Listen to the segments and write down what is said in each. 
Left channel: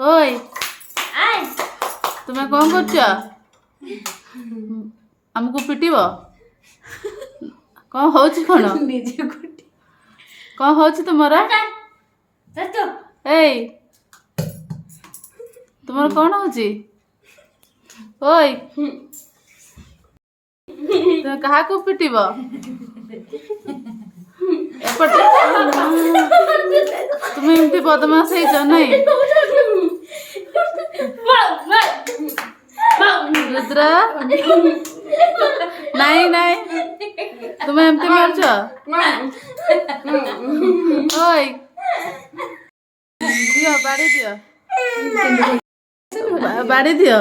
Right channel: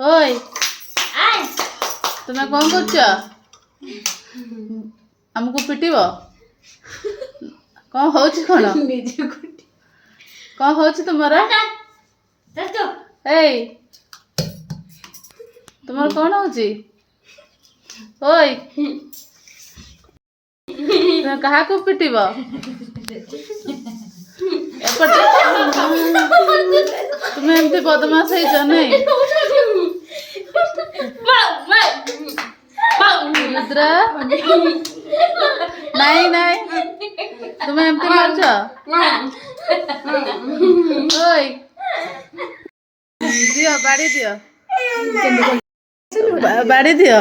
ওই তুমি কଣ କରୁଛ? ଆମକୁ ପିଟିବ? କଣ ହଉଛି କଣ? କଣ ହଉଛି ତୁମର? ଏଇ ତୁମର କଣ ହଉଛି? ଓଇ ତୁମେ କାହାକୁ ପିଟିବ? ଏପଟେ ତୁମେ ଏମିତି ବଦମାସ ହେଇଛ ନାଇଁ? ରୁଦ୍ର ନାଇଁ ନାଇଁ ତୁମେ ଏମିତି ମାରୁଛ? ଓଇ ଦିଅ ବାଡ଼ି ଦିଅ, ବାଡ଼ି ଦିଅ।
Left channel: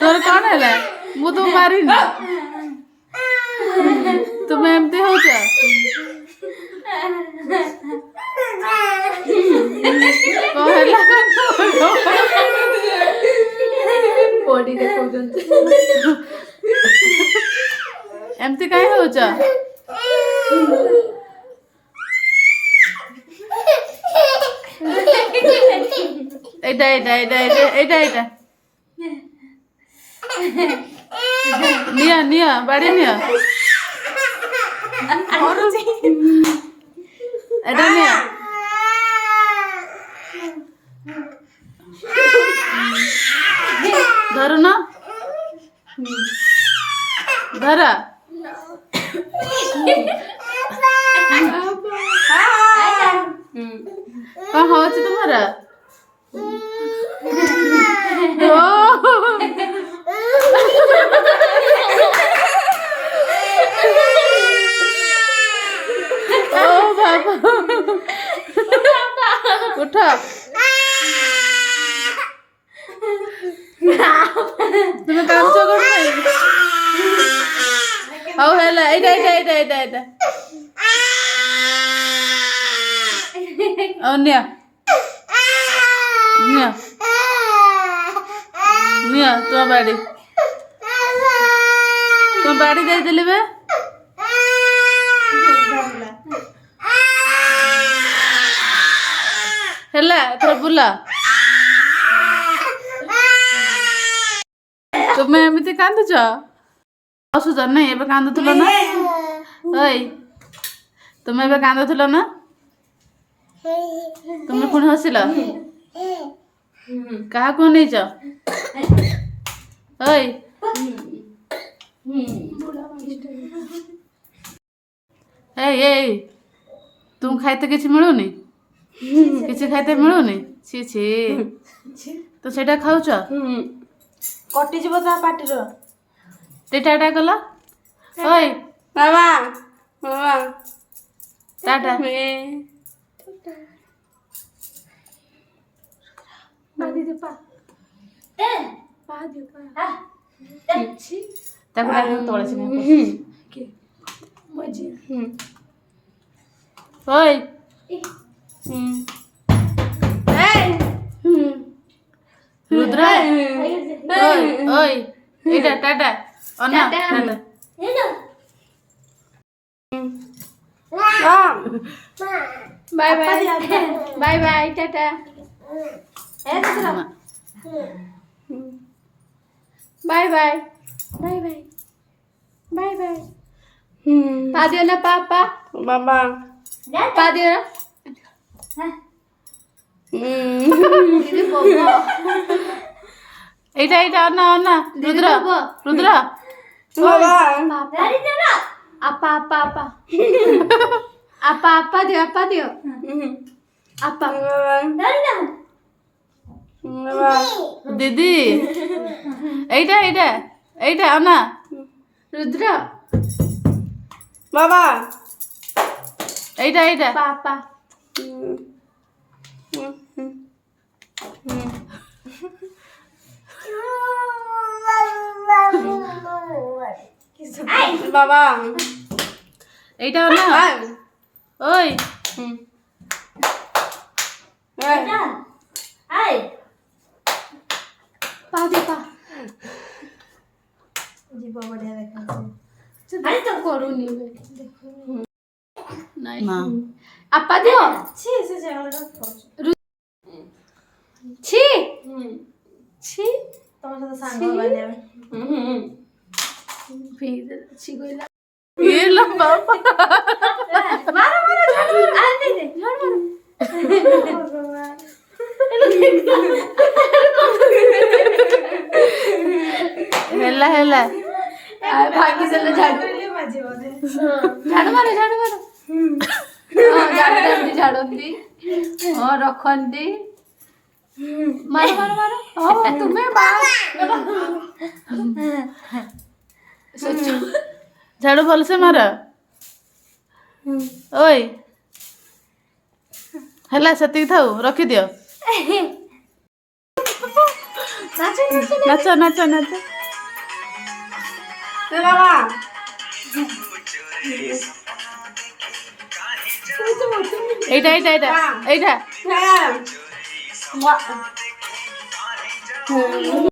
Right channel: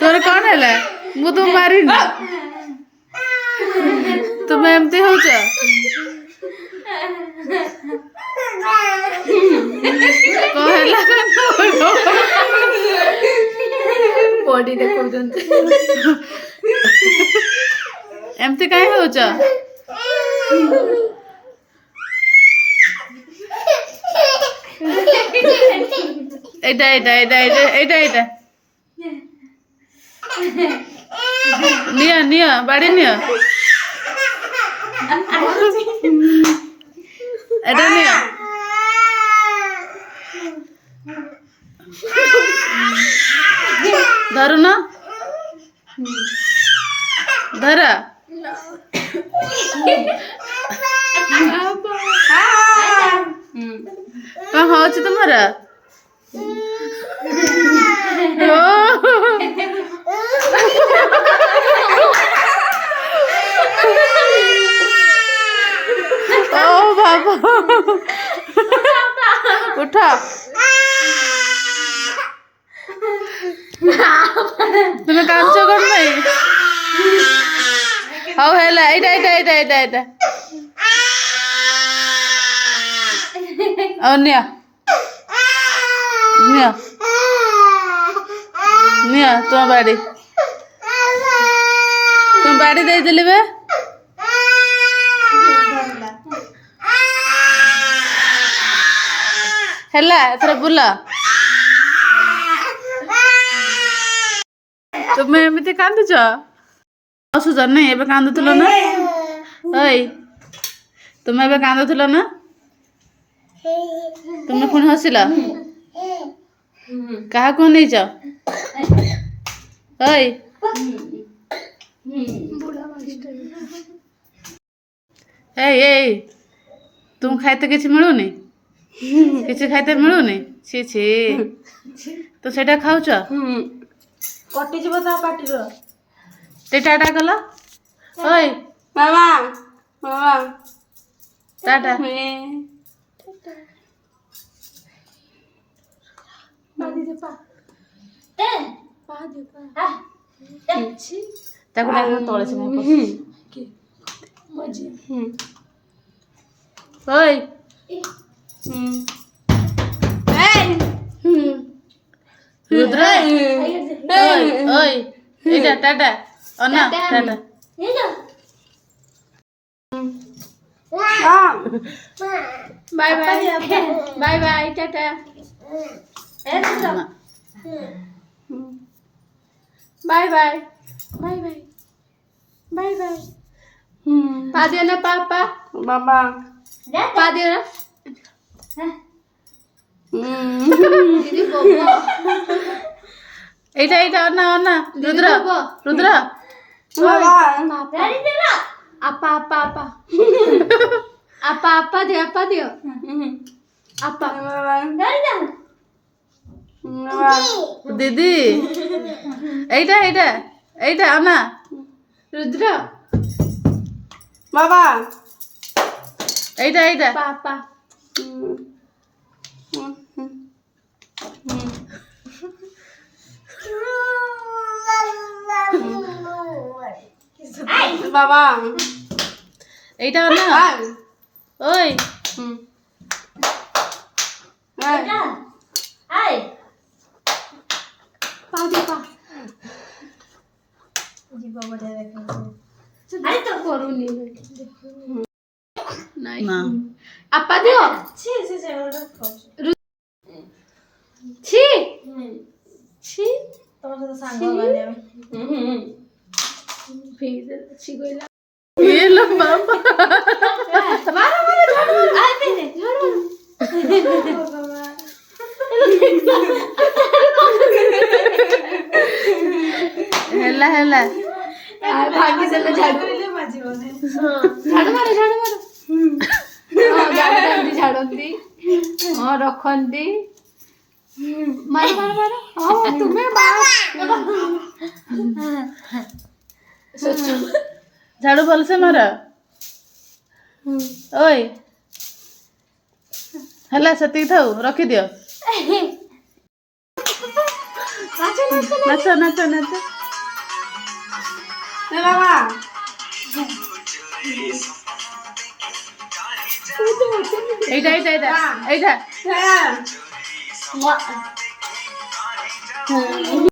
ତୋର କଣ ହେଲା? ମୁଁ ତ ମାରିନି, ତୁମେ ଏମିତି ହଉଛ? କଣ ହେଲା? ଏମିତି କାହିଁ ହଉଛ? এইটা এইটা এইটা এইটা এইটা এইটা নিয়া নিয়া বাড়ি নিয়া, এটা নিয়া। ধরো না, ধরা। କଣ ହଉଛି ତୁମର? ଓ ବାବା ଉଠ। ତୁମେ କାନ୍ଦୁଛ କଣ ପାଇଁ? ହଉ ହେଲା, ଏଇଟା ଏଇଟା ଏଇଟା ଏଇଟା ଏଇଟା ଆଉ ନିଅ ନିଅ ନିଅ ତୁମ ବାଡ଼ି, ତୁମ ବାଡ଼ି ଦେଇଦେଲି ବେ। ହେଲା ଏଥର ବୁଲ। ତୁମେ ଏମିତି କାନ୍ଦୁଛ? ହସୁଛ ନାଇଁ? ଏବେ କାନ୍ଦୁଥିଲ ନା? ଓଇ ତୁମେ ଏବେ କାନ୍ଦୁଥିଲ ନା? ତୁମେ ପୁଣି ହସିଲ? କାହାକୁ ନେଇଛ? ଓଇ ଏଇ ଏଇ ତୁମ ଖାଇତେ କିଛି ମିଳୁନି? କିଛି ଖାଇତେ ମିଳୁନି? ଛି ଛି ତ ସେଇଟା ଖାଉଛ? କଟିଯିବ ତା ପାଟିର। ଟାଟା କଲ। ଓଇ ମାମା ମାମା ଟାଟା। ତାକୁ ଡାକ ତଳେ ସିନା। ଓଇ ରୁଦ୍ର ଓଇ ଓଇ ଏଇଟା ଟାଟା ଅନା ଟାଟା। ବାଇ ବାଇ ବାଇ ବାଇ ଟାଟା ବାଇ ବାଇ ବାଇ ବାଇ ବାଇ ବାଇ। ପା ଦିଅ ନା ପାପା ବାବା ପା ଦିଅ ନା। এইটা এইটা অনা অনা রুদ্র রুদ্র আপা আপা আপা আপা আপা দিও আপা দিও আপা দিদি এইটা এইটা এইটা অনা রুদ্র বাবা এইটা এইটা পাপা বাবা এইটা অনা। ওই পা দে পা জীব বড়িয়া দেখাচ্ছে। আরে তো করুনি না আপা দিও ছি ছি ছি কইলা ये लो बाबा ହେଲା ହେଲା ଭାଙ୍ଗି ଦେଲେ ଝାଡୁ ଝାଡୁ ମାର ଝାଡୁ ମାର ହଁ ଝାଡୁ ଝାଡନ୍ତି ହଁ ରଖନ୍ତି ମାର ମାର ମାର ହଁ ତୁମେ ଝାଡୁ ଭଲସେ ମାର ଓଇ ହେଲା ସେତିକି ଥାଉ ରଖିଦିଅ ନାଚ ନାଚ ନାଚ এইটা এইটা এইটা এইটা